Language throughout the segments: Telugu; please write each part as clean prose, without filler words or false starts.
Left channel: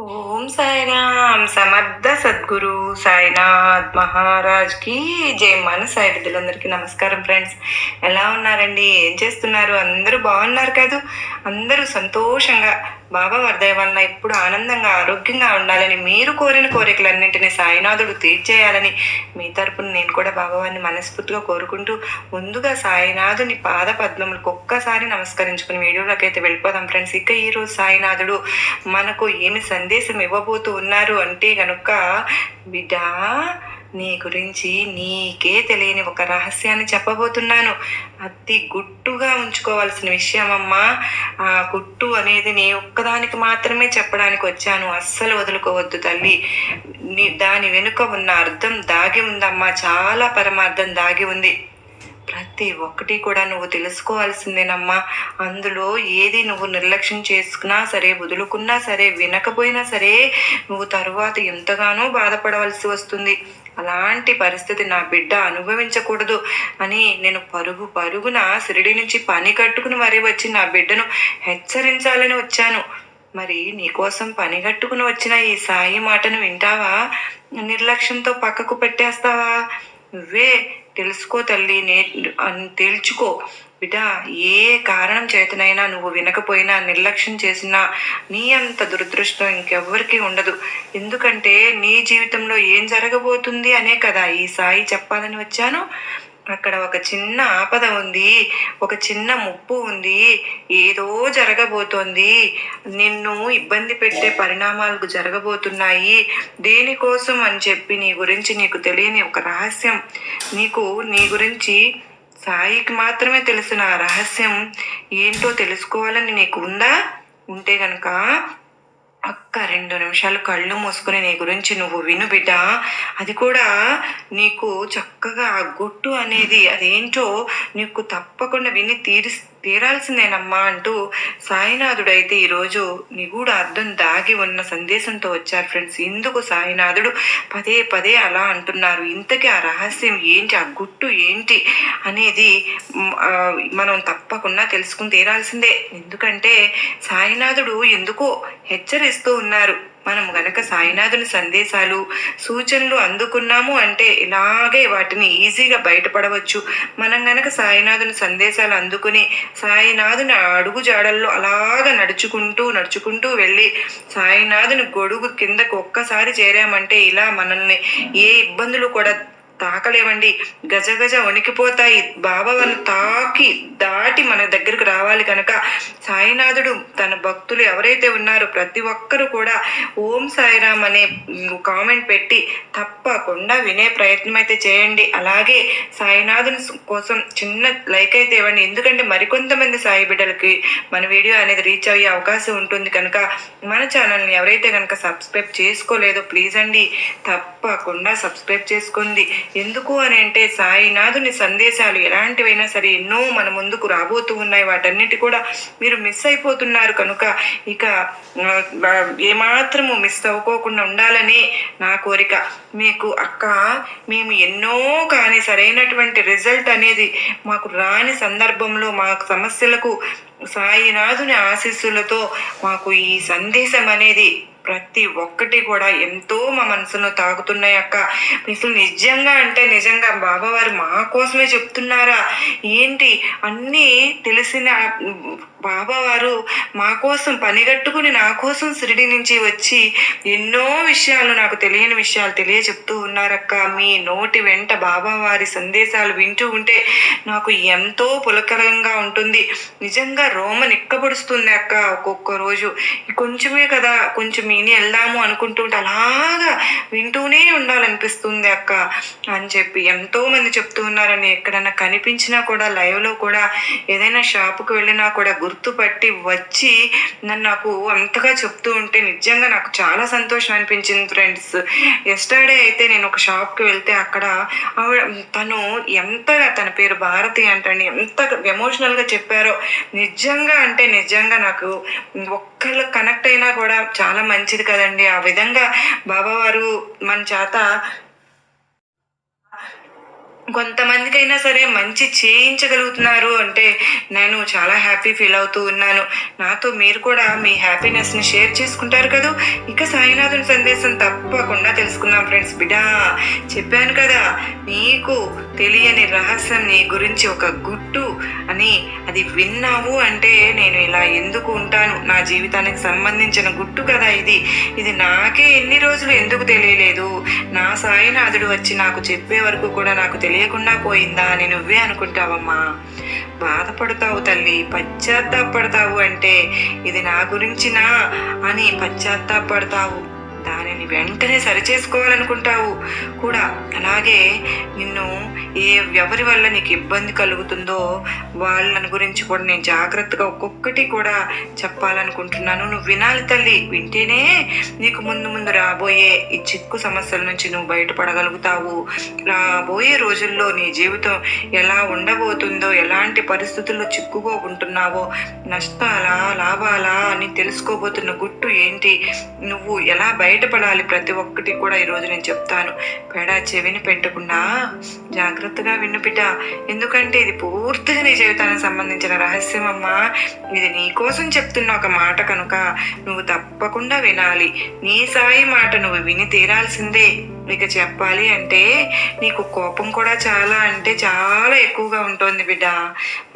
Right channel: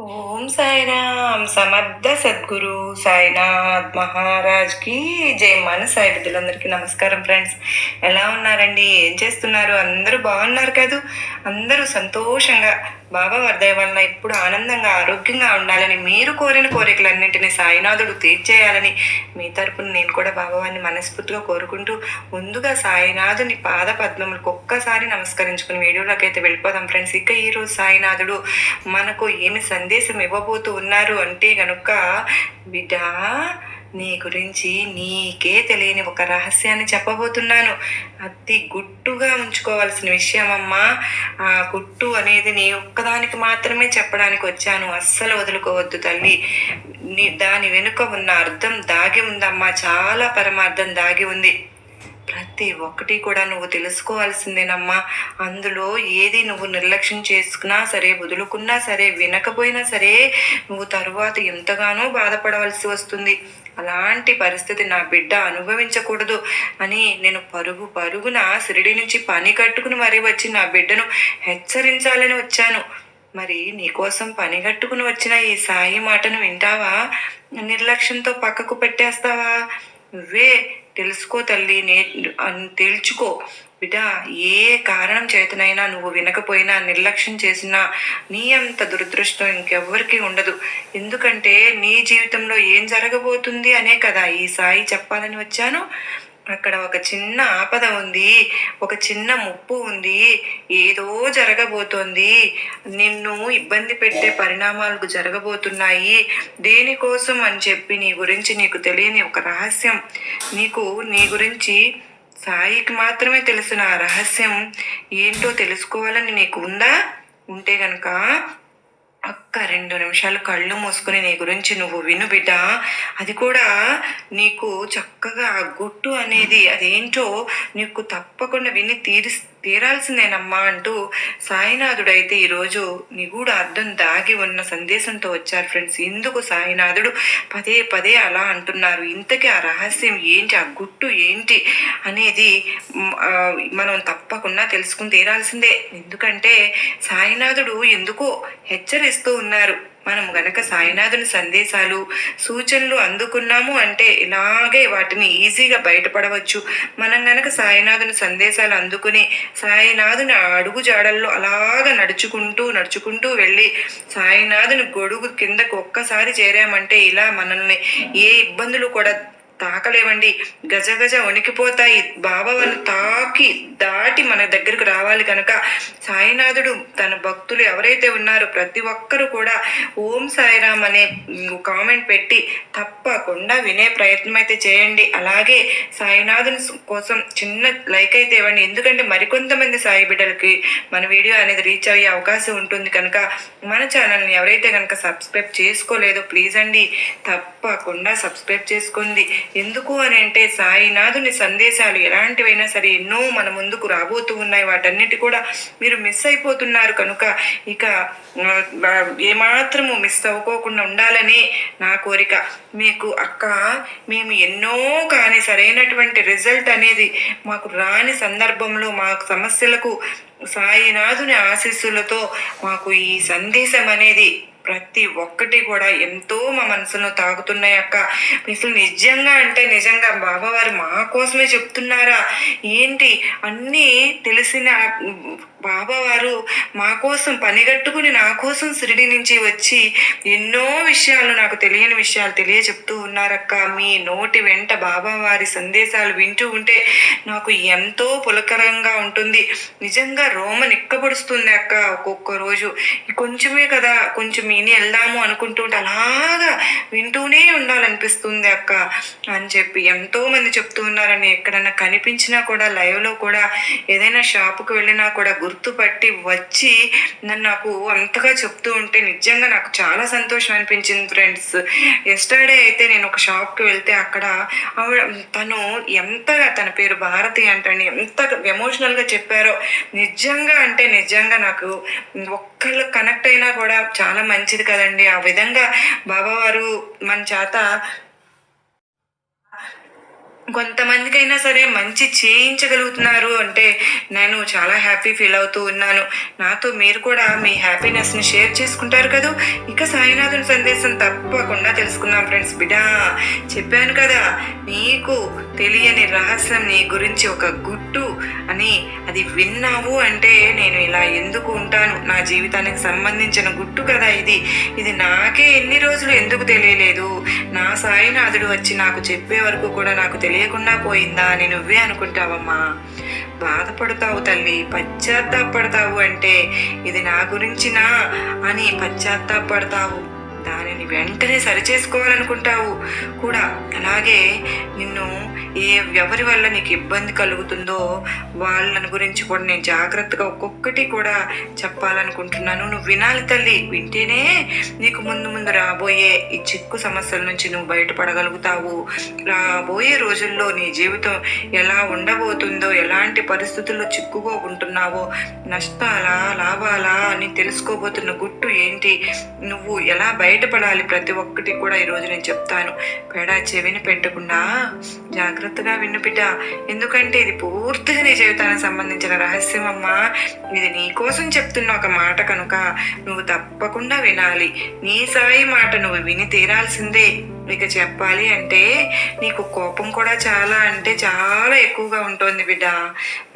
ఓం సాయిరామ్ సమర్థ సద్గురు సాయినాథ్ మహారాజ్ కి జై. మన సాయి బిడ్డలందరికీ నమస్కారం ఫ్రెండ్స్. ఎలా ఉన్నారండి? ఏం చేస్తున్నారు? అందరూ బాగున్నారు కాదు? అందరూ సంతోషంగా బాబా వర్ధయ వలన ఎప్పుడు ఆనందంగా ఆరోగ్యంగా ఉండాలని, మీరు కోరిన కోరికలన్నింటినీ సాయినాథుడు తీర్చేయాలని మీ తరపున నేను కూడా బాబావారిని మనస్ఫూర్తిగా కోరుకుంటూ, ముందుగా సాయినాథుని పాద పద్మములకు ఒక్కసారి నమస్కరించుకుని వీడియోలోకి అయితే వెళ్ళిపోదాం ఫ్రెండ్స్. ఇక ఈరోజు సాయినాథుడు మనకు ఏమి సందేశం ఇవ్వబోతూ ఉన్నారు అంటే గనుక, బిడ్డ నీ గురించి నీకే తెలియని ఒక రహస్యాన్ని చెప్పబోతున్నాను. అతి గుట్టుగా ఉంచుకోవాల్సిన విషయం అమ్మా. ఆ గుట్టు అనేది నీ ఒక్కదానికి మాత్రమే చెప్పడానికి వచ్చాను. అస్సలు వదులుకోవద్దు తల్లి. దాని వెనుక ఉన్న అర్థం దాగి ఉందమ్మా, చాలా పరమార్థం దాగి ఉంది. ప్రతి ఒక్కటి కూడా నువ్వు తెలుసుకోవాల్సిందేనమ్మా. అందులో ఏది నువ్వు నిర్లక్ష్యం చేసుకున్నా సరే, వదులుకున్నా సరే, వినకపోయినా సరే, నువ్వు తరువాత ఎంతగానో బాధపడవలసి వస్తుంది. అలాంటి పరిస్థితి నా బిడ్డ అనుభవించకూడదు అని నేను పరుగున షిరిడి నుంచి పని కట్టుకుని మరీ వచ్చి నా బిడ్డను హెచ్చరించాలని వచ్చాను. మరి నీకోసం పని కట్టుకుని వచ్చిన ఈ సాయి మాటను వింటావా? నిర్లక్ష్యంతో పక్కకు పెట్టేస్తావా? నువ్వే తెలుసుకో తల్లి, తేల్చుకో బిడ్డ. ఏ కారణం చేతనైనా నువ్వు వినకపోయినా, నిర్లక్ష్యం చేసినా నీ అంత దురదృష్టం ఇంకెవ్వరికీ ఉండదు. ఎందుకంటే నీ జీవితంలో ఏం జరగబోతుంది అనే కదా ఈ సాయి చెప్పాలని వచ్చాను. అక్కడ ఒక చిన్న ఆపద ఉంది, ఒక చిన్న ముప్పు ఉంది, ఏదో జరగబోతోంది, నిన్ను ఇబ్బంది పెట్టే పరిణామాలకు జరగబోతున్నాయి. దేనికోసం అని చెప్పి నీ గురించి నీకు తెలియని ఒక రహస్యం, నీ గురించి సాయికి మాత్రమే తెలిసిన ఆ రహస్యం ఏంటో తెలుసుకోవాలని నీకు ఉంటే గనక ఒక్క 2 నిమిషాలు కళ్ళు మూసుకుని నీ గురించి నువ్వు విను బిడ్డ. అది కూడా నీకు చక్కగా ఆ గుట్టు అనేది అదేంటో నీకు తప్పకుండా విని తీరాల్సిందేనమ్మా అంటూ సాయినాథుడైతే ఈరోజు నిగూఢ అర్థం దాగి ఉన్న సందేశంతో వచ్చారు ఫ్రెండ్స్. ఎందుకు సాయినాథుడు పదే పదే అలా అంటున్నారు? ఇంతకీ ఆ రహస్యం ఏంటి, ఆ గుట్టు ఏంటి అనేది మనం తప్పకుండా తెలుసుకుని తీరాల్సిందే. ఎందుకంటే సాయినాథుడు ఎందుకో హెచ్చరిస్తూ ఉన్నారు. మనం గనక సాయినాథుని సందేశాలు, సూచనలు అందుకున్నాము అంటే ఇలాగే వాటిని ఈజీగా బయటపడవచ్చు. మనం గనక సాయినాథుని సందేశాలు అందుకుని సాయినాథుని అడుగు జాడల్లో అలాగ నడుచుకుంటూ వెళ్ళి సాయినాథుని గొడుగు కిందకు ఒక్కసారి చేరామంటే ఇలా మనల్ని ఏ ఇబ్బందులు కూడా తాకలేవండి. గజగజ వణికిపోతాయి. బాబా వాళ్ళు దాటి మన దగ్గరకు రావాలి కనుక సాయినాథుడు తన భక్తులు ఎవరైతే ఉన్నారో ప్రతి ఒక్కరూ కూడా ఓం సాయిరామ్ అనే కామెంట్ పెట్టి తప్పకుండా వినే ప్రయత్నం అయితే చేయండి. అలాగే సాయినాథుని కోసం చిన్న లైక్ అయితే ఇవ్వండి. ఎందుకంటే మరికొంతమంది సాయి బిడ్డలకి మన వీడియో అనేది రీచ్ అయ్యే అవకాశం ఉంటుంది కనుక మన ఛానల్ని ఎవరైతే కనుక సబ్స్క్రైబ్ చేసుకోలేదో ప్లీజ్ అండి తప్పకుండా సబ్స్క్రైబ్ చేసుకోండి. ఎందుకు అని అంటే సాయినాథుని సందేశాలు ఎలాంటివైనా సరే ఎన్నో మన ముందుకు రాబోతూ ఉన్నాయి. వాటన్నిటి కూడా మీరు మిస్ అయిపోతున్నారు కనుక ఇక ఏమాత్రము మిస్ అవ్వకోకుండా ఉండాలని నా కోరిక. మీకు అక్క, మేము ఎన్నో కానీ సరైనటువంటి రిజల్ట్ అనేది మాకు రాని సందర్భంలో మా సమస్యలకు సాయినాథుని ఆశీస్సులతో మాకు ఈ సందేశం అనేది ప్రతి ఒక్కటి కూడా ఎంతో మా మనసును తాకుతున్నాయి అక్క. అసలు నిజంగా అంటే నిజంగా బాబావారు మా కోసమే చెప్తున్నారా ఏంటి? అన్నీ తెలిసిన బాబావారు మా కోసం పనిగట్టుకుని నా కోసం షిరిడి నుంచి వచ్చి ఎన్నో విషయాలు, నాకు తెలియని విషయాలు తెలియచెప్తూ ఉన్నారక్క. మీ నోటి వెంట బాబావారి సందేశాలు వింటూ ఉంటే నాకు ఎంతో పులకరంగా ఉంటుంది. నిజంగా రోమ నిక్కబడుస్తుంది అక్క. ఒక్కొక్క రోజు కొంచెమే కదా, కొంచెం విని వెళ్దాము అనుకుంటుంటే అలాగా వింటూనే ఉండాలనిపిస్తుంది అక్క అని చెప్పి ఎంతో మంది చెప్తూ ఉన్నారని. ఎక్కడన్నా కనిపించినా కూడా లైవ్లో కూడా ఏదైనా షాపుకి వెళ్ళినా కూడా గుర్తుపట్టి వచ్చి నాకు అంతగా చెప్తూ ఉంటే నిజంగా నాకు చాలా సంతోషం అనిపించింది ఫ్రెండ్స్. ఎస్టర్డే అయితే నేను ఒక షాప్కి వెళ్తే అక్కడ తను ఎంతగా, తన పేరు భారతి అంటండి, ఎంత ఎమోషనల్గా చెప్పారో. నిజంగా అంటే నిజంగా నాకు ఒక్కళ్ళు కనెక్ట్ అయినా కూడా చాలా మంచిది కదండి. ఆ విధంగా బాబావారు మన చేత కొంతమందికైనా సరే మంచి చేయించగలుగుతున్నారు అంటే నేను చాలా హ్యాపీ ఫీల్ అవుతూ ఉన్నాను. నాతో మీరు కూడా మీ హ్యాపీనెస్‌ని షేర్ చేసుకుంటారు కదూ! ఇక సాయినాథుని సందేశం తప్పకుండా తెలుసుకుందాం ఫ్రెండ్స్. బిడ్డా, చెప్పాను కదా! నీకు తెలియని రహస్యం నీ గురించి ఒక గుట్టు అని అది విన్నావు అంటే నేను ఇలా ఎందుకు ఉంటాను? నా జీవితానికి సంబంధించిన గుట్టు కదా ఇది. ఇది నాకే ఎన్ని రోజులు ఎందుకు తెలియలేదు? నా సాయినాథుడు వచ్చి నాకు చెప్పే వరకు కూడా నాకు తెలియకుండా పోయిందా అని నువ్వే అనుకుంటావమ్మా. బాధపడతావు తల్లి, పశ్చాత్తాపడతావు అంటే ఇది నా గురించినా అని పశ్చాత్తాపడతావు. దానిని వెంటనే సరిచేసుకోవాలనుకుంటావు కూడా. అలాగే నిన్ను ఎవరి వల్ల నీకు ఇబ్బంది కలుగుతుందో వాళ్ళని గురించి కూడా నేను జాగ్రత్తగా ఒక్కొక్కటి కూడా చెప్పాలనుకుంటున్నాను. నువ్వు వినాలి తల్లి. వింటేనే నీకు ముందు ముందు రాబోయే ఈ చిక్కు సమస్యల నుంచి నువ్వు బయటపడగలుగుతావు. రాబోయే రోజుల్లో నీ జీవితం ఎలా ఉండబోతుందో, ఎలాంటి పరిస్థితుల్లో చిక్కుకోకుంటున్నావో, నష్టాలా లాభాలా అని తెలుసుకోబోతున్న గుట్టు ఏంటి, నువ్వు ఎలా బయటపడాలి, ప్రతి ఒక్కటి కూడా ఈరోజు నేను చెప్తాను. పెడా చెవిని పెట్టకుండా జాగ్రత్తగా విను బిడ్డ. ఎందుకంటే ఇది పూర్తిగా నీ జీవితానికి సంబంధించిన రహస్యం అమ్మా. ఇది నీ కోసం చెప్తున్న ఒక మాట కనుక నువ్వు తప్పకుండా వినాలి. నీ సాయి మాట నువ్వు విని తీరాల్సిందే. ఇక చెప్పాలి అంటే నీకు కోపం కూడా చాలా అంటే చాలా ఎక్కువగా ఉంటుంది బిడ్డ.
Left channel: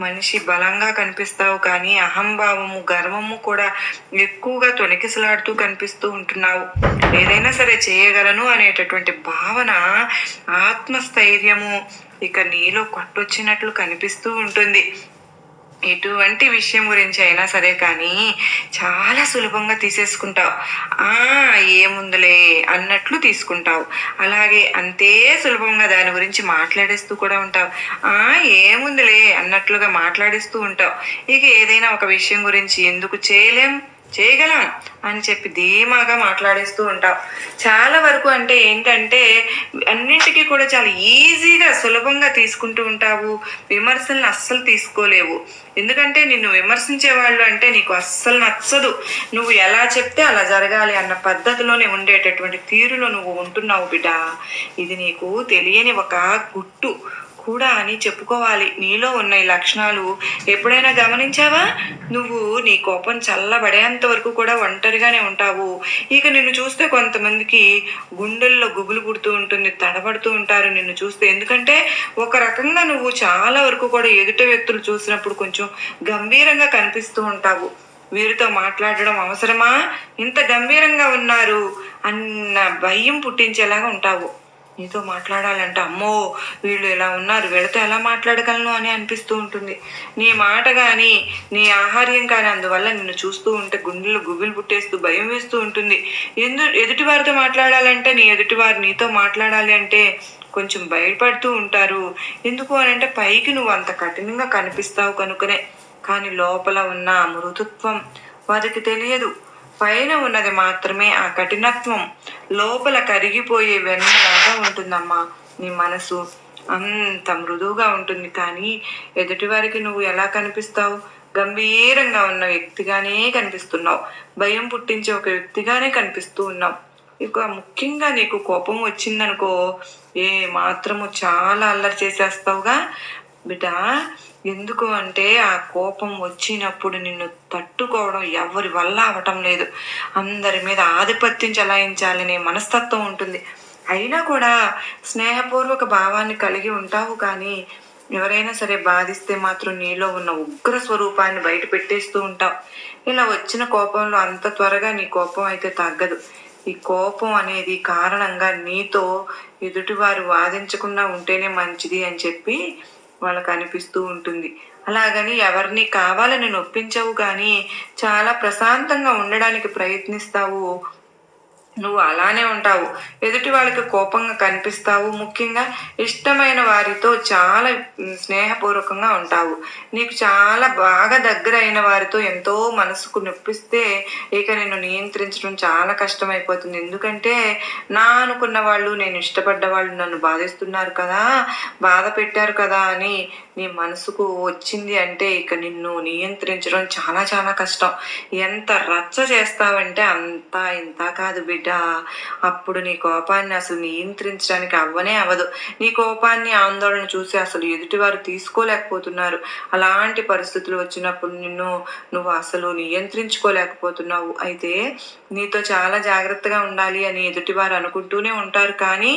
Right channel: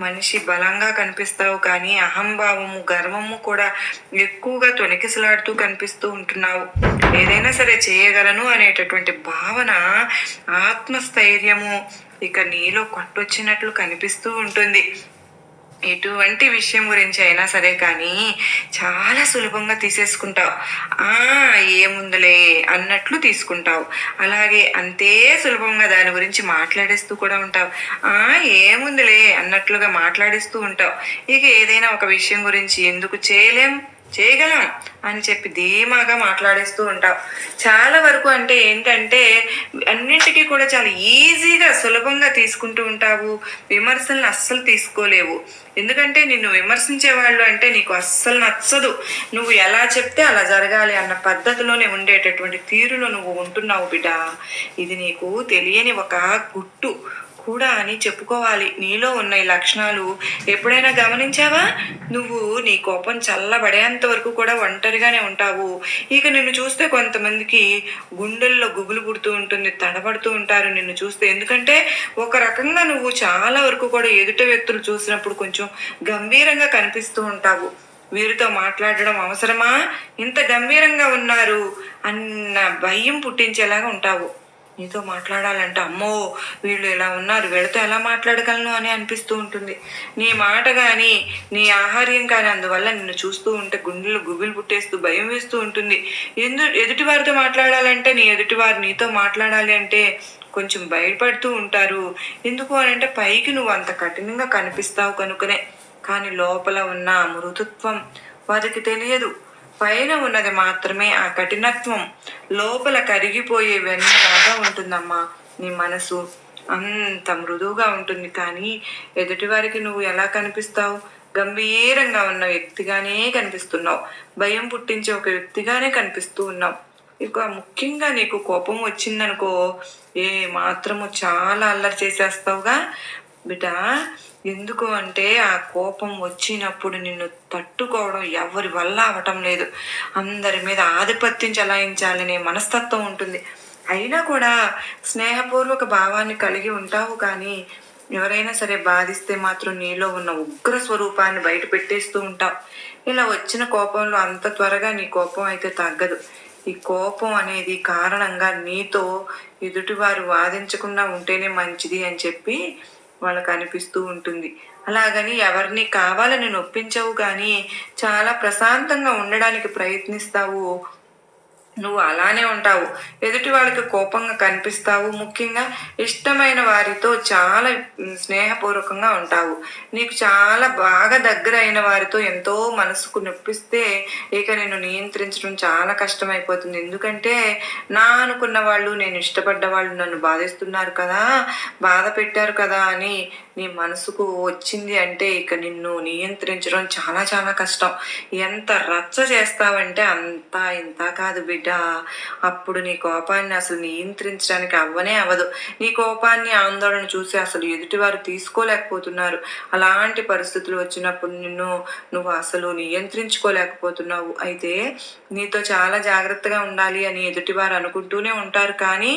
మనిషి బలంగా కనిపిస్తావు కానీ అహంభావము గర్వము కూడా ఎక్కువగా తొణికిసలాడుతూ కనిపిస్తూ ఉంటున్నావు. ఏదైనా సరే చేయగలను అనేటటువంటి భావన, ఆత్మస్థైర్యము ఇక నీలో కొట్టొచ్చినట్లు కనిపిస్తూ ఉంటుంది. ఎటువంటి విషయం గురించి అయినా సరే కానీ చాలా సులభంగా తీసేసుకుంటావు. ఏముందులే అన్నట్లు తీసుకుంటావు. అలాగే అంతే సులభంగా దాని గురించి మాట్లాడేస్తూ కూడా ఉంటావు. ఏముందులే అన్నట్లుగా మాట్లాడిస్తూ ఉంటావు. ఇక ఏదైనా ఒక విషయం గురించి ఎందుకు చేయగలం అని చెప్పి ధీమాగా మాట్లాడేస్తూ ఉంటావు. చాలా వరకు అంటే ఏంటంటే అన్నింటికీ కూడా చాలా ఈజీగా సులభంగా తీసుకుంటూ ఉంటావు. విమర్శలను అస్సలు తీసుకోలేవు. ఎందుకంటే నిన్ను విమర్శించే వాళ్ళు అంటే నీకు అస్సలు నచ్చదు. నువ్వు ఎలా చెప్తే అలా జరగాలి అన్న పద్ధతిలోనే ఉండేటటువంటి తీరులో నువ్వు ఉంటున్నావు బిడ్డ. ఇది నీకు తెలియని ఒక గుట్టు కూడా అని చెప్పుకోవాలి. నీలో ఉన్న ఈ లక్షణాలు ఎప్పుడైనా గమనించావా? నువ్వు నీ కోపం చల్లబడేంత వరకు కూడా ఒంటరిగానే ఉంటావు. ఇక నిన్ను చూస్తే కొంతమందికి గుండెల్లో గుబులు పుడుతూ ఉంటుంది, తడబడుతూ ఉంటారు నిన్ను చూస్తే. ఎందుకంటే ఒక రకంగా నువ్వు చాలా వరకు కూడా ఎదుట వ్యక్తులు చూసినప్పుడు కొంచెం గంభీరంగా కనిపిస్తూ ఉంటావు. వీరితో మాట్లాడడం అవసరమా, ఇంత గంభీరంగా ఉన్నారు అన్న భయం పుట్టించేలాగా ఉంటావు. నీతో మాట్లాడాలంటే అమ్మో వీళ్ళు ఎలా ఉన్నారు, వీళ్ళతో ఎలా మాట్లాడగలను అని అనిపిస్తూ ఉంటుంది. నీ మాట కానీ నీ ఆహార్యం కానీ అందువల్ల నిన్ను చూస్తూ ఉంటే గుండెలు గుబిలు పుట్టేస్తూ భయం వేస్తూ ఉంటుంది. ఎదుటివారితో మాట్లాడాలంటే నీ ఎదుటివారు నీతో మాట్లాడాలి అంటే కొంచెం భయపడుతూ ఉంటారు. ఎందుకు అని అంటే పైకి నువ్వు అంత కఠినంగా కనిపిస్తావు కనుకనే. కానీ లోపల ఉన్న మృదుత్వం వారికి తెలియదు. పైన ఉన్నది మాత్రమే ఆ కఠినత్వం. లోపల కరిగిపోయే వెన్నలాగా ఉంటుందమ్మా నీ మనసు. అంత మృదువుగా ఉంటుంది. కానీ ఎదుటివారికి నువ్వు ఎలా కనిపిస్తావు? గంభీరంగా ఉన్న వ్యక్తిగానే కనిపిస్తున్నావు. భయం పుట్టించే ఒక వ్యక్తిగానే కనిపిస్తూ ఉన్నావు. ఇక ముఖ్యంగా నీకు కోపం వచ్చిందనుకో, మాత్రము చాలా అల్లరి చేసేస్తావుగా బిడ్డ. ఎందుకు అంటే ఆ కోపం వచ్చినప్పుడు నిన్ను తట్టుకోవడం ఎవరి వల్ల అవటం లేదు. అందరి మీద ఆధిపత్యం చెలాయించాలనే మనస్తత్వం ఉంటుంది. అయినా కూడా స్నేహపూర్వక భావాన్ని కలిగి ఉంటావు. కానీ ఎవరైనా సరే బాధిస్తే మాత్రం నీలో ఉన్న ఉగ్ర స్వరూపాన్ని బయట పెట్టేస్తూ ఉంటావు. ఇలా వచ్చిన కోపంలో అంత త్వరగా నీ కోపం అయితే తగ్గదు. ఈ కోపం అనేది కారణంగా నీతో ఎదుటివారు వాదించకుండా ఉంటేనే మంచిది అని చెప్పి వాళ్ళకు అనిపిస్తూ ఉంటుంది. అలాగని ఎవరిని కావాలని నొప్పించవు, కానీ చాలా ప్రశాంతంగా ఉండడానికి ప్రయత్నిస్తావు. నువ్వు అలానే ఉంటావు. ఎదుటి వాళ్ళకి కోపంగా కనిపిస్తావు. ముఖ్యంగా ఇష్టమైన వారితో చాలా స్నేహపూర్వకంగా ఉంటావు. నీకు చాలా బాగా దగ్గర అయిన వారితో ఎంతో మనసుకు నొప్పిస్తే ఇక నేను నియంత్రించడం చాలా కష్టమైపోతుంది. ఎందుకంటే నా అనుకున్న వాళ్ళు, నేను ఇష్టపడ్డ వాళ్ళు నన్ను బాధిస్తున్నారు కదా, బాధ పెట్టారు కదా అని నీ మనసుకు వచ్చింది అంటే ఇక నిన్ను నియంత్రించడం చాలా చాలా కష్టం. ఎంత రచ్చ చేస్తావంటే అంతా ఇంత కాదు బిడ్డ. బిడ్డ. అప్పుడు నీ కోపాన్ని అసలు నియంత్రించడానికి అవ్వనే అవ్వదు. నీ కోపాన్ని ఆందోళన చూసి అసలు ఎదుటివారు తీసుకోలేకపోతున్నారు. అలాంటి పరిస్థితులు వచ్చినప్పుడు నువ్వు అసలు నియంత్రించుకోలేకపోతున్నావు. అయితే నీతో చాలా జాగ్రత్తగా ఉండాలి అని ఎదుటివారు అనుకుంటూనే ఉంటారు, కానీ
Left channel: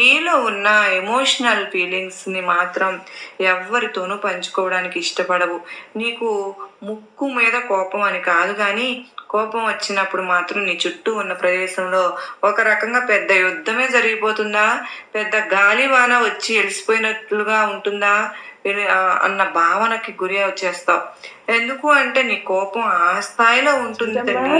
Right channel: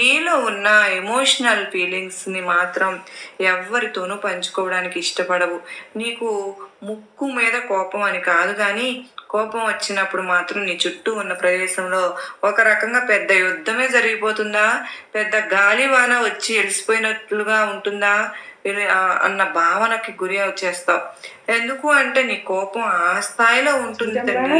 నీలో ఉన్న ఎమోషనల్ ఫీలింగ్స్ని మాత్రం ఎవ్వరితోనూ పంచుకోవడానికి ఇష్టపడవు. నీకు ముక్కు మీద కోపం అని కాదు, కానీ కోపం వచ్చినప్పుడు మాత్రం నీ చుట్టూ ఉన్న ప్రదేశంలో ఒక రకంగా పెద్ద యుద్ధమే జరిగిపోతుందా, పెద్ద గాలివాన వచ్చి ఎలిసిపోయినట్లుగా ఉంటుందా అన్న భావనకి గురి వచ్చేస్తావు. ఎందుకు అంటే నీ కోపం ఆ స్థాయిలో ఉంటుంది తల్లి.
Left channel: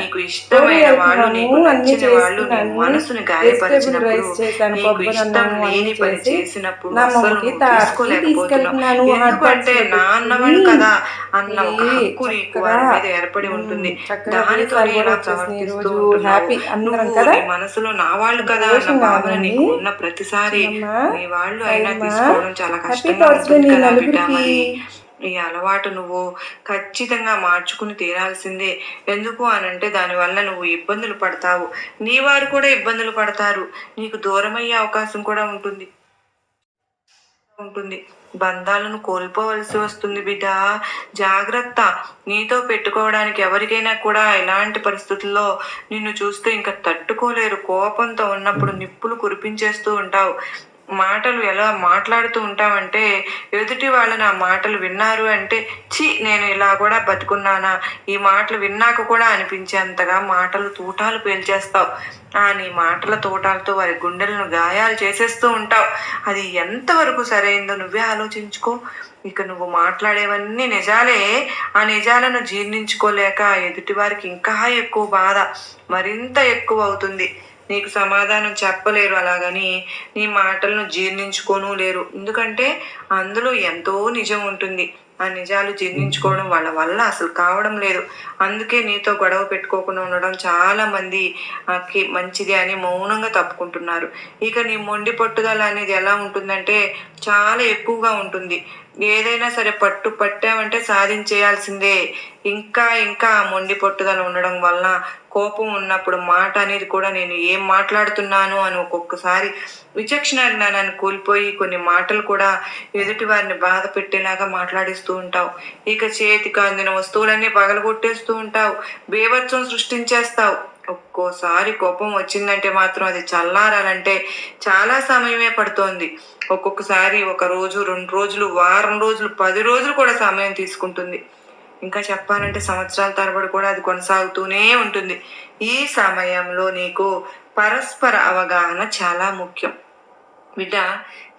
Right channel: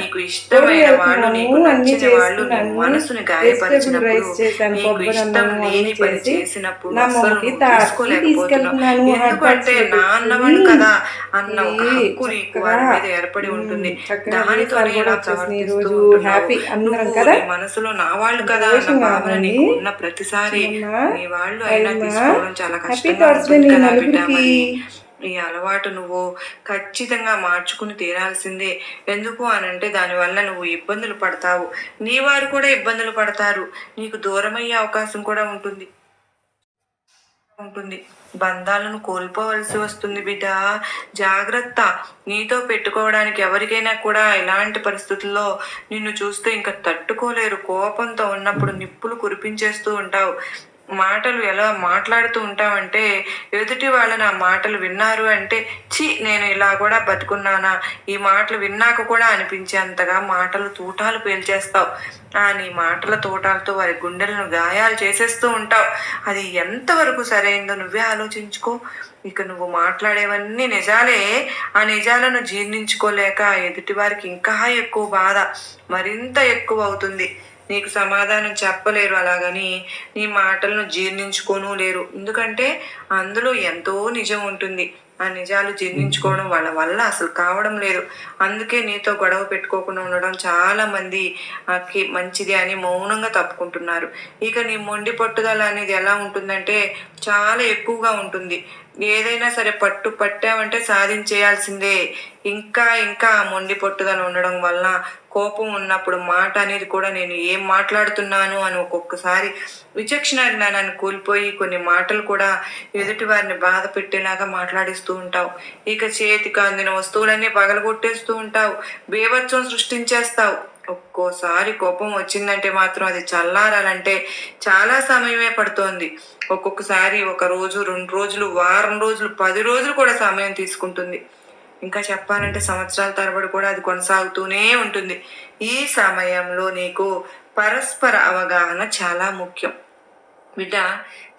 నీకు ఇష్టమైన వాళ్ళు, నీకు నచ్చిన వాళ్ళు నీ మనసుని గాయపరిచినప్పుడు, నీకు ఇష్టం లేని పని చేసినప్పుడు అసలు నువ్వు తీసుకోలేకపోతున్నావు. ఎందుకంటే నా అన్నవాళ్ళు కదా అన్న ఒక హక్కు నీకు వారి మీద ఏర్పడి ఉంటుంది. దానితోనే ఇలా ప్రవర్తిస్తూ ఉంటున్నావు. నీ మనసులో నా వాళ్ళు కదా అన్న భావన నీకు ఉన్న ప్రతిసారి నీ వాళ్ళు అయినా తీసుకోవడం చాలా కష్టంగా ఉంటుంది కదా బిడ్డ. మరి ఈ అలవాటు నువ్వు ఖచ్చితంగా మార్చుకుని తీరాల్సిందే. ఎందుకు అనంటే దానివల్ల నువ్వు ఇబ్బందులు పడతావు, నీ వారు కూడా ఇబ్బందులు పడతారు, నీకు దూరమయ్యే అవకాశం కూడా ఉంటుంది. బంధాలను కోల్పోవలసి వస్తుంది బిడ్డ. జాగ్రత్త. నీతో పెట్టుకోవడానికి ఎవరికైనా కూడా ఇలాంటి పరిస్థితుల్లో నిన్ను చూస్తే ఇంకా తట్టుకోలేరు. కోపంతో ఉన్నప్పుడు నిప్పులు కురిపించేస్తూ ఉంటావు. మాటలు ఎలా మాట్లాడుతూ ఉంటావంటే ఎదుటి వాళ్ళని ఆ మాటలు విన్నారు అంటే నేను ఇలా కూడా బతుకున్నానా, ఈ మాటలు విన్నాక కూడా అనిపించేంతగా మాటలు తూటాలు పేల్చేస్తావు. నీ మాటల తోటాలతో వారి గుండెలను గాయాలు చేసేస్తూ ఉంటావు. అది ఎంతవరకు సరైందో నువ్వే ఆలోచించుకో. ఇక నువ్వు మాట్లాడేవన్నీ నిజాలే. ఆ నిజాలను జీర్ణించుకోలేక ఎదుటి వారికి ఇంకా ఎక్కువ బాధ, మరింత ఎక్కువ అవుతుంది. నీకు సమాధానం చెప్పలేరు, అలాగని నీ మాటలను జీర్ణించుకోను లేరు. ఎందుకంటే అందులో ఎంతో నిజం ఉంటుంది. ఆ నిజాలు జీర్ణించుకోవడం వాళ్ళ వల్ల అసలు కావడం లేదు. అందుకే నీతో గొడవ పెట్టుకోకుండా ఉండడం చాలా మందికి మంచిది అని మౌనంగా తప్పుకుంటున్నారు. ఇక నీ మొండి పట్టుదల అనేది ఎలా ఉంటుందంటే చాలా ఎక్కువగా ఉంటుంది. ఏదైనా సరే పట్టామంటే సాధించేయాల్సిందే. ఇంకా ఇంకా ఆ మొండి పట్టుదల ఉండడం వల్ల కోపం ఉన్నప్పుడు మాట అనేది కూడా నేను ఏం మాట్లాడుతున్నాను అని ఒక్కొక్కసారి విచక్షణ జ్ఞానాన్ని కోల్పోయి కొన్ని మాటలు కూడా ఎదుటి వారిని బాధ పెట్టేలాగా మాట్లాడిస్తూ ఉంటావు. ఇక చేతికి అందిన వస్తువులన్నీ పగలగొట్టేస్తూ ఉంటావు, బేభత్సం సృష్టించేస్తావు. ఒక్కోసారి కోపం వచ్చిందంటే మాత్రం అది చల్లారాలంటే చాలా సమయమే పడుతోంది. ఒక్కొక్కసారి 1 రోజు, 2 రోజులు, వారం రోజులు, 10 రోజులు కూడా సమయం తీసుకుంటుంది. ఇంకా చెప్పాలంటే సంవత్సరాల తరబడి కూడా అది కొనసాగుతూనే ఉంటుంది. ఈ సమయంలో నీకు పరస్పర అవగాహన చాలా ముఖ్యం బిడ్డ.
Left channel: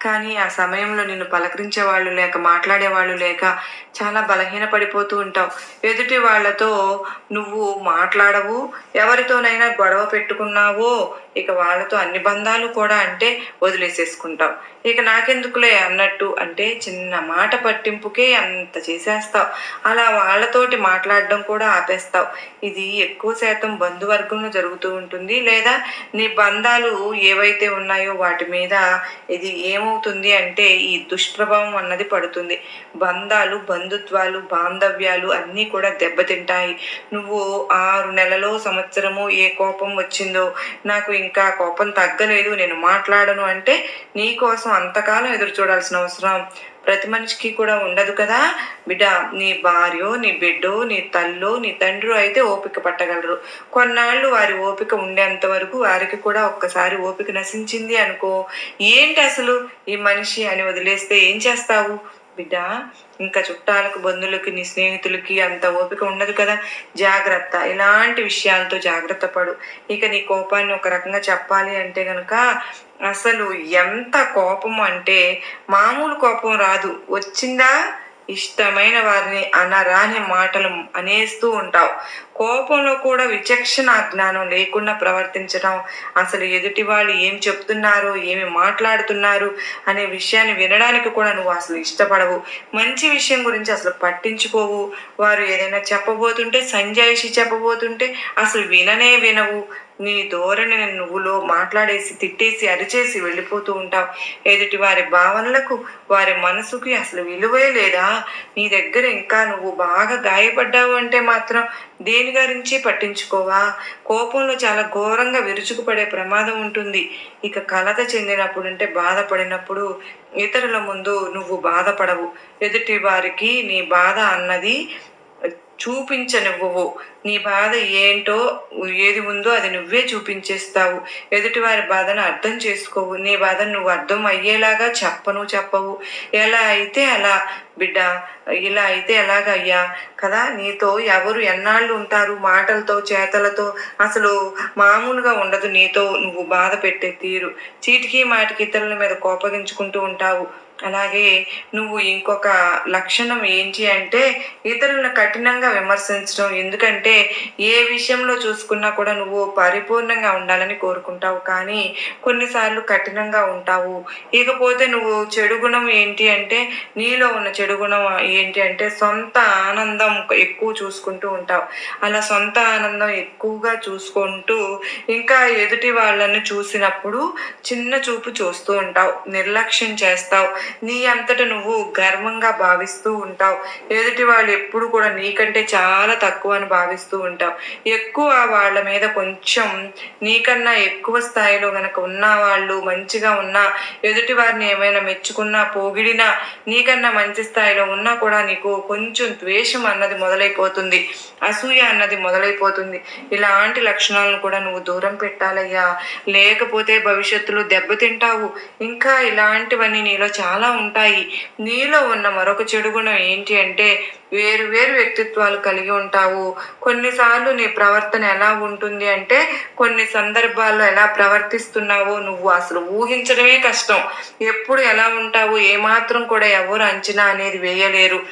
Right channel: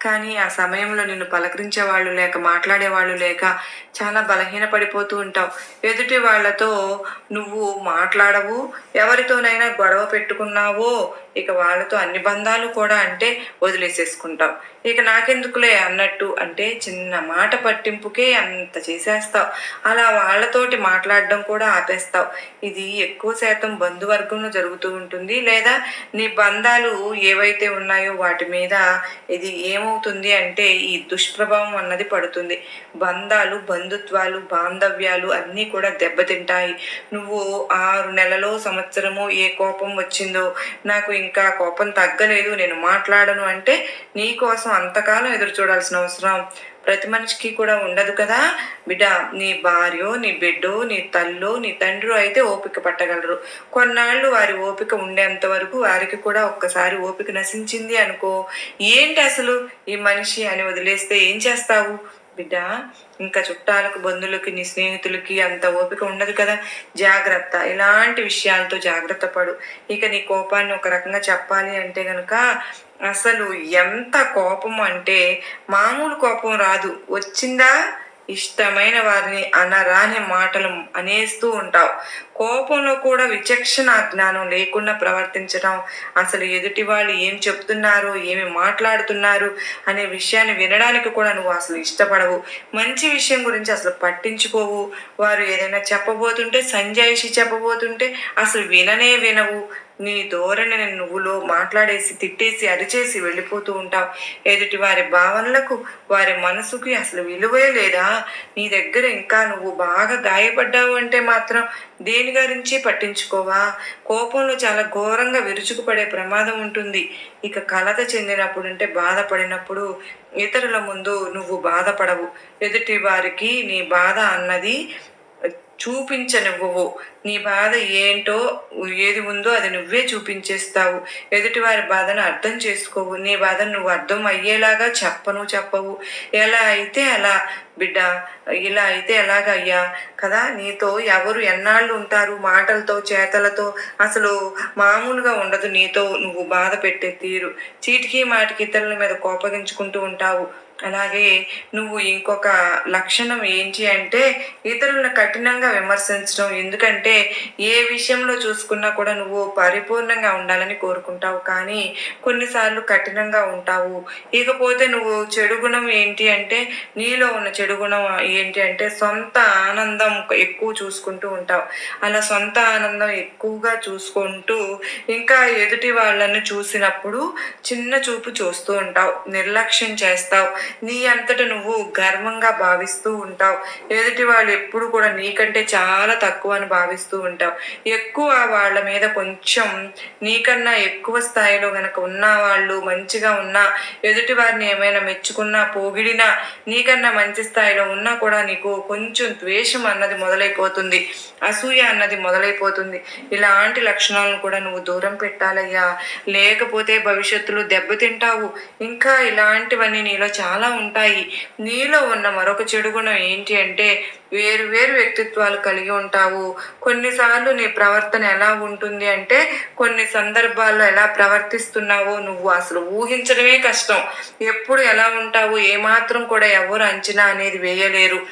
కానీ ఆ సమయంలో నిన్ను పలకరించే వాళ్ళు లేక, మాట్లాడేవాళ్ళు లేక చాలా బలహీనపడిపోతూ ఉంటావు. ఎదుటి వాళ్ళతో నువ్వు మాట్లాడవు. ఎవరితోనైనా గొడవ పెట్టుకున్నావో ఇక వాళ్ళతో అన్ని బంధాలు కూడా అంటే వదిలేసేసుకుంటావు. ఇక నాకెందుకులే అన్నట్టు అంటే చిన్న మాట పట్టింపుకే అంత చేసేస్తావు. అలా వాళ్ళతోటి మాట్లాడడం కూడా ఆపేస్తావు. ఇది ఎక్కువ శాతం బంధువర్గంలో జరుగుతూ ఉంటుంది. లేదా నీ బంధాలు ఏవైతే ఉన్నాయో వాటి మీద ఇది ఏమవుతుంది అంటే ఈ దుష్ప్రభావం అన్నది పడుతుంది. బంధాలు, బంధుత్వాలు, బాంధవ్యాలు అన్నీ కూడా దెబ్బతింటాయి. నువ్వు 6 నెలలో, సంవత్సరము ఏ కోపం వచ్చిందో, నాకు ఇంకా కోపం తగ్గలేదు, నేను మాట్లాడను అంటే నీ కోసం అంతకాలం ఎదురు చూడాల్సిన అవసరం ప్రతి మనిషికి కూడా ఉండదు కదా బిడ్డ. నీ భార్యో, నీ బిడ్డో, నీ తల్లో, నీ తండ్రి అయితే ఓపిక పట్టగలరు. కొన్నాళ్ళు వారి ఓపిక ఉండేంత వరకు వారికి కూడా ఒక్కసారి ఓపిక నశించింది అనుకో, ఏంటి అసలు ఈ మనిషి అని వదిలేస్తే ఏం చేస్తావు బిడ్డ? ఇంకా చుట్టాలకు, బంధువులకి, నీ స్నేహితులకి అంత ఓపిక ఉండదు కదా. జాగ్రత్త. ఇలాంటి విషయాలతో జాగ్రత్త పడు. ఇక నీ కోపాన్ని ఒక రకంగా చెప్పాలి అంటే కనుక అసలు ఎంత కోపం అంటే మామూలు కోపం రాదు. వచ్చిందా ఇష్టమైన వారిని అనరాని మాటలు అనేస్తూ ఉంటావు. కోపంలో కూడా విచక్షణ జ్ఞానం లేకుండా ప్రవర్తించడం, అసలు ఎదుటి వాళ్ళు ఏం చెప్తున్నారు, ఏమి మాట్లాడుతున్నారు అనే విషయాన్ని వినడానికి కూడా నువ్వు అసలు ఇష్టపడవు. మంచి విషయం గురించి అసలు పట్టించుకోవు. వారు ఏదైనా చెప్పబోతుంటే, సంజాయిషి చెప్పబోతుంటే అసలు వినవు. నీ ధోరణిని నువ్వులో మాట్లాడేసి, తిట్టేసి, అరిచేసి వెళ్ళిపోతూ ఉంటావు. ఎదుటి వారి భావనలకు, వారి మనసుకి అసలు విలువే లేదా. నీ దగ్గర ఇంకా నువ్వు బాగా గాయపడ్డావు అంటే మాత్రం దేని దేని గురించి పట్టించుకోవా? కోపంలో చాలా ఘోరంగా విరుచుకుపడే ప్రమాదం ఉంటుంది. ఇక కలత చెందినప్పుడు అంటే బాధపడినప్పుడు ఇతరుల ముందు నువ్వు బాధపడవు. ఎదుటి వారికి నీ బాధ అన్నది చూపించనివ్వవు. నీ బాధ ఏంటో ఏది ఉందో అది నువ్వే చూపించేస్తావు. ఎదుటివారి బాధను అర్థం చేసుకోవు. నీ బాధను నువ్వు అర్థం అయ్యేలాగా చెప్పవు. ఎలా అయితే అలా బిడ్డ, ఇలా అయితే ఎలాగయ్యా కదా. నీతో ఎవరు ఎన్నాళ్ళు ఉంటారు? మాటలతో చేతలతో అసలు మామూలుగా ఉండదు. నీతో నువ్వు బాధ పెట్టే తీరు, చీటికి మాటికి ఇతరుల మీద కోపగించుకుంటూ ఉంటావు. అలాగే నువ్వు ఇంకొక లక్షణం ఏంటి అంటే ఇతరులను కఠినంగా విమర్శించడం. ఎందుకంటే ఏ విషయంలో చూసుకున్నా కూడా నువ్వు పరిపూర్ణంగా ఉండాలని కోరుకుంటావు, కానీ కొన్నిసార్లు కఠినంగా ఉంటావు. ఇకపోతే నువ్వు చెడు గుణం ఏంటి అంటే, నీలో ఉన్న చెడు గుణం ఏంటి అంటే సొంత ఆనందం ఎక్కువ చూసుకుంటూ ఉంటావు. అలా సొంత ఆనందం ఎక్కువగా చూసుకుంటూ ఇంకా ఎదుటి వాళ్ళని చూసినప్పుడు చిన్న చూపు చూస్తూ ఉంటావు, నిర్లక్ష్యం చేస్తావు. నీ అంతట నువ్వు గర్వంగా భావిస్తూ ఉంటావు. ఎదుటి వాళ్ళు ఎప్పుడు కూడా నీకంటే చాలా తక్కువ అని భావిస్తూ ఉంటావు. ఎక్కువ వాళ్ళ మీద కొంచెం నీకన్నా ఎక్కువ స్థాయిలో గనక ఉన్న వాళ్ళు మంచిగా ఉన్నా, ఎదుటి వారిని ఏమైనా మెచ్చుకున్నా పొగిడినా, నీకన్నా మంచి స్థాయిలో ఉన్నా కూడా నీకు కొంచెం ద్వేషం అన్నది మొదలైపోతుంది, అసూయ అన్నది మొదలైపోతుంది. ఇలాంటి లక్షణాలను కూడా నువ్వు దూరం పెట్టాలయ్యా, లేకపోతే భవిష్యత్తులో దెబ్బతింటావు. ఇంకా ఇలాంటివన్నీ నీలో చాలా ఉంటాయి. నీలో ఉన్న మరొక చెడు గుణం ఏంటి అంటే వేరు వేరు వ్యక్తిత్వాలు కలిగి ఉంటావు. కొన్నిసార్లు నీ ప్రవర్తన ఎలా ఉంటుంది అంటే కొన్ని సందర్భాల్లో ఎలా ప్రవర్తిస్తున్నావో నువ్వు అసలు ఊహించడమే కష్టం. ఎప్పుడు ఎలా ఉంటావు ఏమాత్రం కూడా ఎవరు అంచనా అనేది వేయలేరు.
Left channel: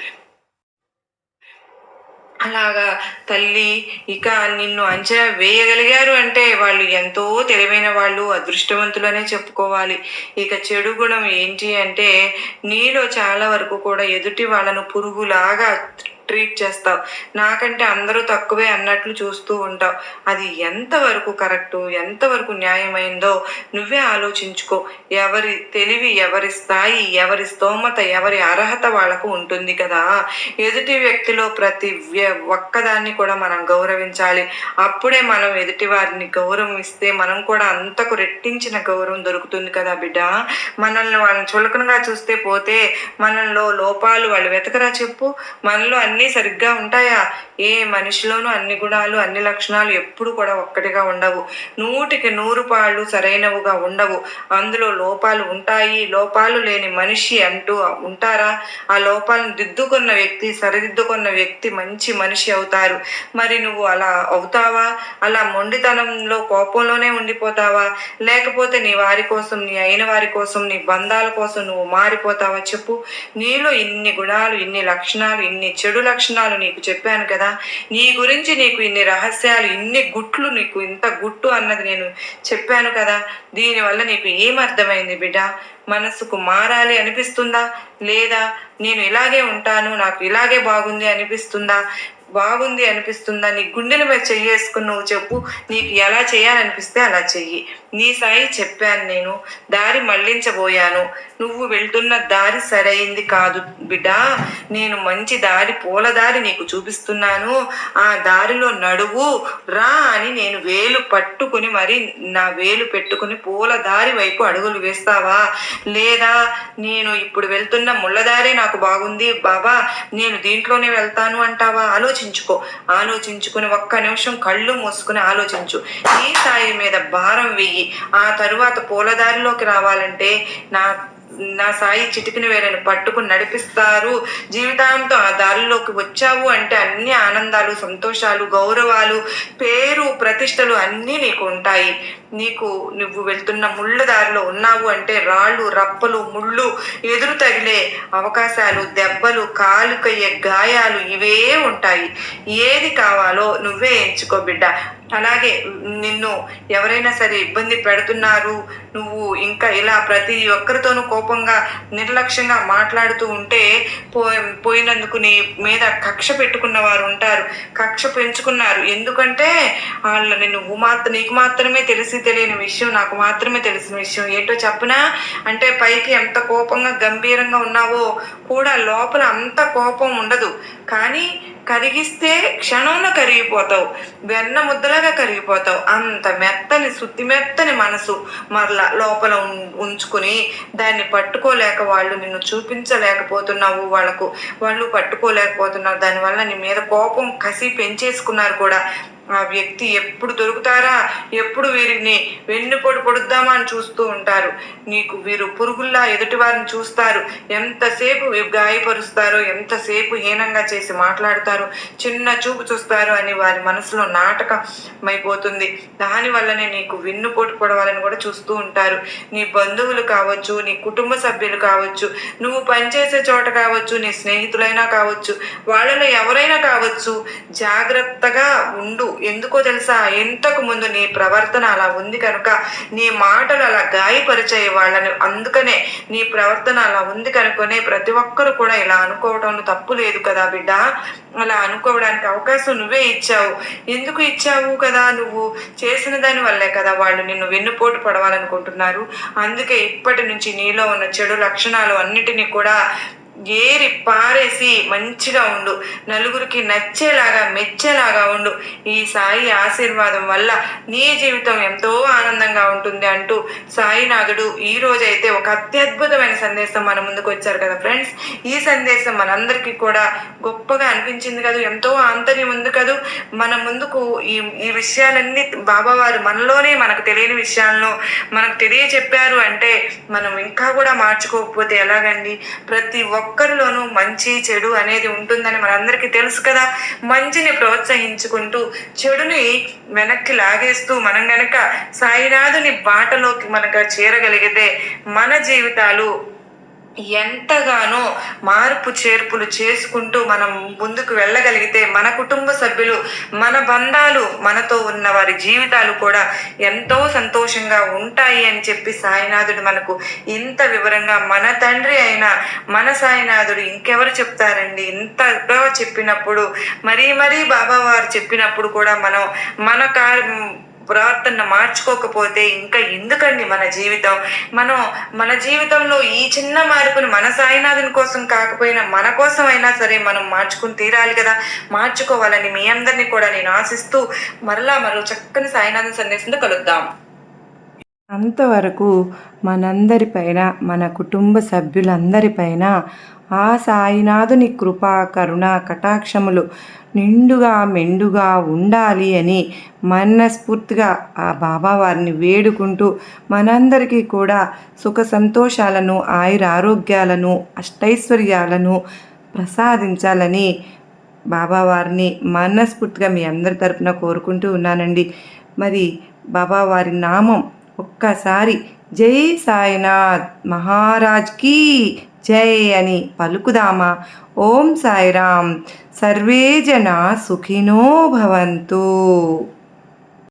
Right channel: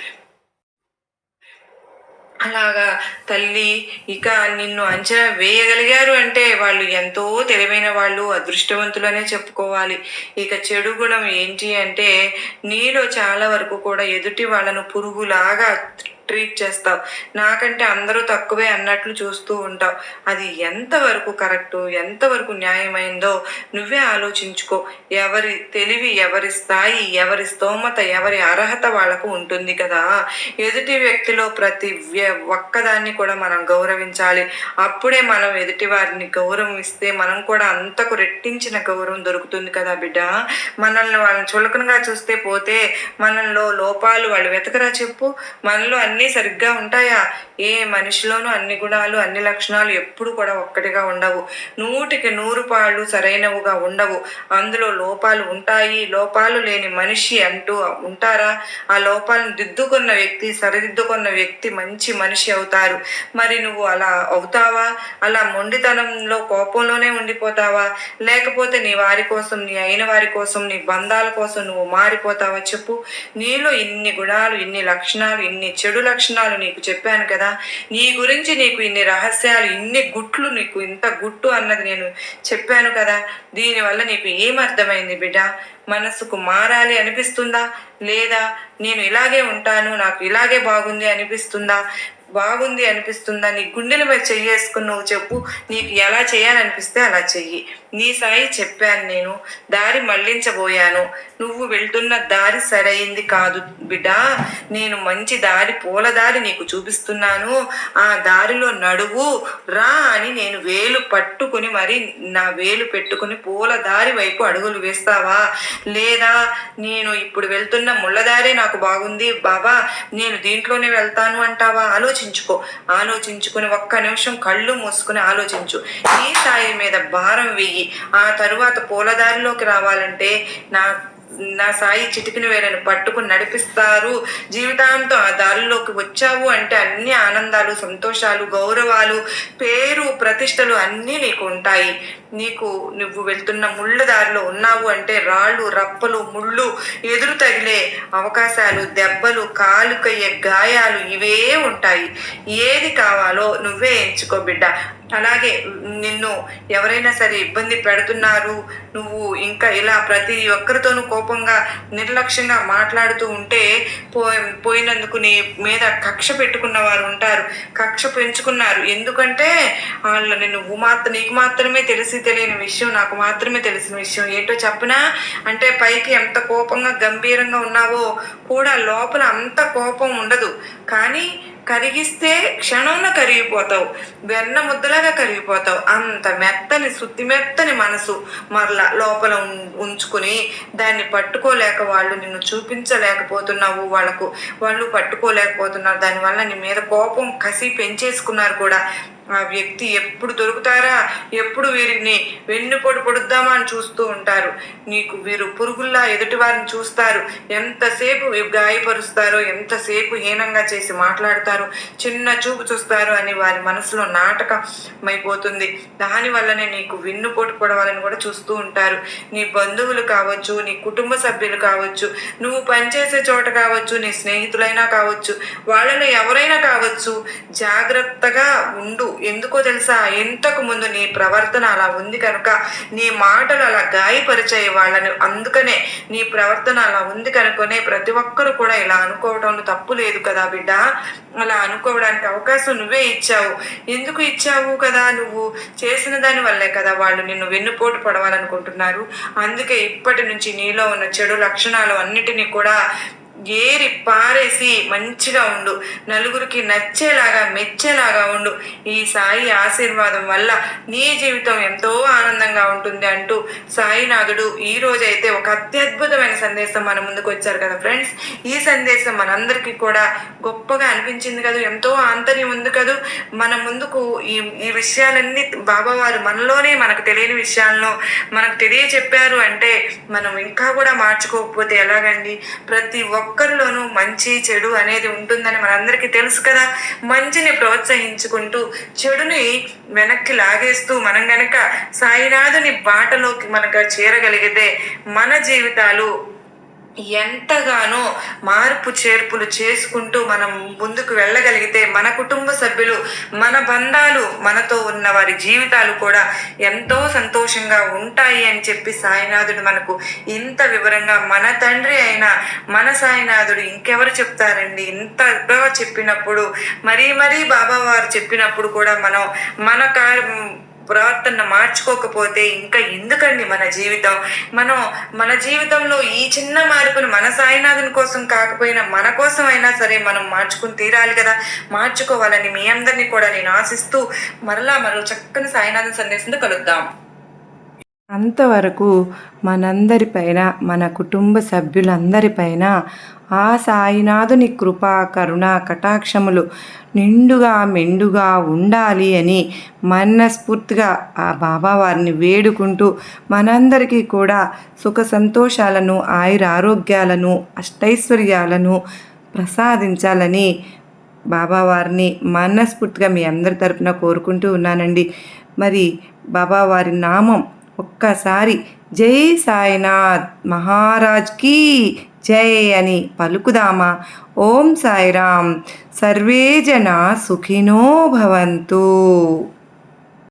అలాగా తల్లి ఇక నిన్ను అంచనా వేయగలిగారు అంటే వాళ్ళు ఎంతో తెలివైన వాళ్ళు, అదృష్టవంతులనే చెప్పుకోవాలి. ఇక చెడు గుణం ఏంటి అంటే నీలో చాలా వరకు కూడా ఎదుటి వాళ్ళను పురుగులాగా ట్రీట్ చేస్తావు. నాకంటే అందరూ తక్కువే అన్నట్లు చూస్తూ ఉంటావు. అది ఎంతవరకు కరెక్టు, ఎంతవరకు న్యాయమైందో నువ్వే ఆలోచించుకో. ఎవరి తెలివి, ఎవరి స్థాయి, ఎవరి స్తోమత, ఎవరి అర్హత వాళ్ళకు ఉంటుంది కదా. ఎదుటి వ్యక్తిలో ప్రతి ఒక్కదాన్ని కూడా మనం గౌరవించాలి. అప్పుడే మనం ఎదుటి వారిని గౌరవం ఇస్తే మనం కూడా అంతకు రెట్టించిన గౌరవం దొరుకుతుంది కదా బిడ్డ. మనల్ని వాళ్ళని చులకనగా చూస్తే పోతే మనలో లోపాలు వాళ్ళు వెతకరా చెప్పు. మనలో అన్ని సరిగ్గా ఉంటాయా? ఏ మనిషిలోనూ అన్ని గుణాలు, అన్ని లక్షణాలు ఎప్పుడు కూడా ఒక్కటిగా ఉండవు. 100కి 100 పాళ్ళు సరైనవిగా ఉండవు. అందులో లోపాలు ఉంటాయి. లోపాలు లేని మనిషి అంటూ ఉంటారా? ఆ లోపాలను దిద్దుకున్న వ్యక్తి, సరిదిద్దుకున్న వ్యక్తి మంచి మనిషి అవుతారు. మరి నువ్వు అలా అవుతావా? అలా మొండితనంలో కోపంలోనే ఉండిపోతావా? లేకపోతే నీ వారి కోసం, నీ అయిన వారి కోసం, నీ బంధాల కోసం నువ్వు మారిపోతావా చెప్పు. నీలో ఇన్ని గుణాలు, ఇన్ని లక్షణాలు, ఇన్ని చెడు లక్షణాలు నీకు చెప్పాను కదా. నీ గురించి నీకు ఇన్ని రహస్యాలు, ఇన్ని గుట్లు, నీకు ఇంత గుట్టు అన్నది నేను చెప్పాను కదా. దీనివల్ల నీకు ఏమర్థమైంది బిడ్డ? మనసుకు మారాలి అనిపిస్తుందా? లేదా నేను ఇలాగే ఉంటాను, నాకు ఇలాగే బాగుంది అనిపిస్తుందా? బాగుంది అనిపిస్తుందా? నీ గుండెల మీద చెయ్యేసుకుని నువ్వు చెప్పు. నీకు ఎలా చేయాలనిపిస్తే అలా చెయ్యి. నీ సాయి చెప్పాను, నేను దారి మళ్ళించబోయాను. నువ్వు వెళ్తున్న దారి సరైంది కాదు బిడ్డ. నేను మంచి దారి, పూల దారి నీకు చూపిస్తున్నాను. ఆ దారిలో నడువు రా అని నేను వేలు పట్టుకుని మరి నా వేలు పెట్టుకుని పూల దారి వైపు అడుగులు వేస్తావా? లేదా నేను ఇప్పుడు వెళ్తున్న ముళ్ళదారి నాకు బాగుంది బాబా, నేను దీంట్లోనే వెళ్తాను అంటావా? ఆలోచించుకుని ఒక్క నిమిషం కళ్ళు మూసుకుని ఆలోచించు. నీ సాయి మీద భారం వెయ్యి. ఆ తరువాత పూలదారిలోకి రావాలంటే నా సాయి చిటికిన వేలను పట్టుకుని నడిపిస్తారు. జీవితాంతం ఆ దారిలోకి వచ్చావు అంటే అన్ని ఆనందాలు, సంతోషాలు, గౌరవాలు, పేరు, ప్రతిష్టలు అన్నీ నీకు ఉంటాయి. నువ్వు వెళ్తున్న ముళ్ళ దారిలో ఉన్నావు అంటే రాళ్ళు, రప్పలు, ముళ్ళు, ఎదురు తగిలే అవకాశాలు, దెబ్బలు, కాలుకయ్యే గాయాలు ఇవే ఉంటాయి. ఏది కావాలో నువ్వే ఎంచుకో బిడ్డ. అలాగే నిన్ను ఎవరైనా సరే ఇబ్బంది పెడుతున్నారు, నువ్వు ఇంకా ఇలా ప్రతి ఒక్కరితోనూ కోపంగా, నిర్లక్ష్యంగా మాట్లాడుతూ ఉంటే పోయినందుకు నీ మీద కక్ష పెట్టుకున్న వారు ఉంటారు. కక్ష పెంచుకున్నారు. ఎందుకంటే వాళ్ళు నీకు మాత్రమే తెలియని విషయం, నాకు మాత్రమే తెలిసిన విషయం ఏంటో చెప్పనా? అంటే పైకి ఎంత కోపంగా గంభీరంగా ఉన్నావో కూడా లోపల అంత కోపం ఉండదు. కానీ కరిగిస్తే క్షణంలో కరిగిపోతావు, వెన్న ముద్దలాగా కరిగిపోతావు. అంత మెత్తని శుద్ధి మెత్తని మనసు మరలా లోపల ఉంచుకుని దాన్ని పట్టుకోలేక వాళ్ళు నిన్ను చూపించలేకపోతున్నావు, వాళ్ళు పట్టుకోలేకపోతున్నారు. దానివల్ల నీ మీద కోపం కసి పెంచేసుకున్నారు కూడా. ఆ వ్యక్తి ఎప్పుడు దొరుకుతారా, ఎప్పుడు వీరిని వెన్నుపోటు పొడుద్దామా అని చూస్తూ ఉంటారు. నీకు వీరు పురుగుల్లా ఎదుటి వారిని చూస్తారు, ఎంతసేపు గాయపరుస్తారో, ఎంతసేపు హీనంగా చేసి మాట్లాడతారు, చిన్న చూపు చూస్తారు అని వారి మనసులో నాటకమైపోతుంది. దానివల్లనే నీకు వెన్నుపోటు పొడవాలని కూడా చూస్తూ ఉంటారు. నీ బంధువులు కావచ్చు, నీ కుటుంబ సభ్యులు కావచ్చు, నువ్వు పనిచేసే చోట కావచ్చు, నీ స్నేహితులైనా కావచ్చు, వాళ్ళలో ఎవరైనా కావచ్చు, జాగ్రత్తగా ఉండు. ఎందుకో తెలుసా, ఇంతకు ముందు నీ ప్రవర్తన అలా ఉంది కనుక, నీ మాటలు అలా గాయపరిచాయి వాళ్ళని. అందుకనే నీ ప్రవర్తన అలా ఉంది కనుకనే ప్రతి ఒక్కరు కూడా ఇలా అనుకోవడంలో తప్పు లేదు కదా బిడ్డ. అలా అనుకోవడానికి అవకాశం నువ్వే ఇచ్చావు. ఎందుకు ఇచ్చావు కదా, నువ్వు చేసిన దాని వల్లే కదా వాళ్ళు నిన్ను వెన్నుపోటు పడవాలనుకుంటున్నారు. అందుకే ఇప్పటి నుంచి నీలో ఉన్న చెడు లక్షణాలు అన్నిటినీ కూడా ఏరి పారేసి మంచిగా ఉండు, నలుగురికి నచ్చేలాగా మెచ్చేలాగా ఉండు. ఈ సాయి ఆశీర్వాదం వల్ల నీ జీవితం ఎంతో ఆనందంగా ఉంటుంది అంటూ సాయినాథుడు ఈ రోజైతే ఒక అత్యద్భుతమైన సందేశం మన ముందుకు వచ్చారు కదా ఫ్రెండ్స్. ఈ సందేశం మనందరికీ కూడా గొప్పగా అనిపించింది కదా, ఎంతో ఆంతర్యం ఉంది కదా మన ముందుకు. ఈ విషయాలన్నీ బాబావారు మనలోనే మనకు తెలియని విషయాలను మనకు తెలియచెప్పారు అంటే మనం ఇంకా కూడా మార్చుకోకపోతే ఎలాగండి. ప్రతి ఒక్కరిలోనూ మంచి చెడు అనేది ఉంటుందని మనందరికీ తెలుసు కదా. మంచిని ప్రోత్సహించుకుంటూ చెడుని వెనక్కి లాగేస్తూ మనం గనక సాయినాథుని బాటలోకి మనకు చేరగలిగితే మన జీవితాలు ఎంతగానో మార్పు చేర్పులు చేసుకుంటూ మనం ముందుకు వెళ్ళగలిగితే మన కుటుంబ సభ్యులు, మన బంధాలు, మనతో ఉన్న వారి జీవితాలు కూడా ఎంతో సంతోషంగా ఉంటాయి అని చెప్పి సాయినాథుడు మనకు ఇంత వివరంగా, మన తండ్రి అయిన మన సాయినాథుడు ఇంకెవరు చెప్తారండి. ఇంతగా చెప్పినప్పుడు మరీ బాబావారు చెప్పినప్పుడు కూడా మనం ప్రవర్తన మార్చుకోకపోతే ఇంకా ఎందుకండి మన జీవితం. మన జీవితంలో ఈ చిన్న మార్పును మన సాయినాథుని కోసం కాకపోయినా మన కోసం అయినా సరే మనం మార్చుకుని తీరాలి కదా. మార్చుకోవాలని మీ అందరినీ కూడా నేను ఆశిస్తూ మరో చక్కని సాయినాథుని సందేశంతో కలుద్దాం. అంతవరకు మనందరిపైన, మన కుటుంబ సభ్యులందరిపైన ఆ సాయినాథుని కృపా కరుణ కటాక్షములు నిండుగా మెండుగా ఉండాలి అని మనస్ఫూర్తిగా ఆ బాబావారిని వేడుకుంటూ మనందరికీ కూడా సుఖ సంతోషాలను, ఆయురారోగ్యాలను, అష్టైశ్వర్యాలను ప్రసాదించాలని బాబావారిని మనస్ఫూర్తిగా మీ అందరి తరపున కోరుకుంటూ ఉన్నానండి. మరి బాబావారి నామం ఒక్కసారి జై సాయినాథ్ మహారాజ్ కీ జై అని పలుకుదామా. ఓం సాయిరామ్. సర్వే జనా సుఖినో భవంతు.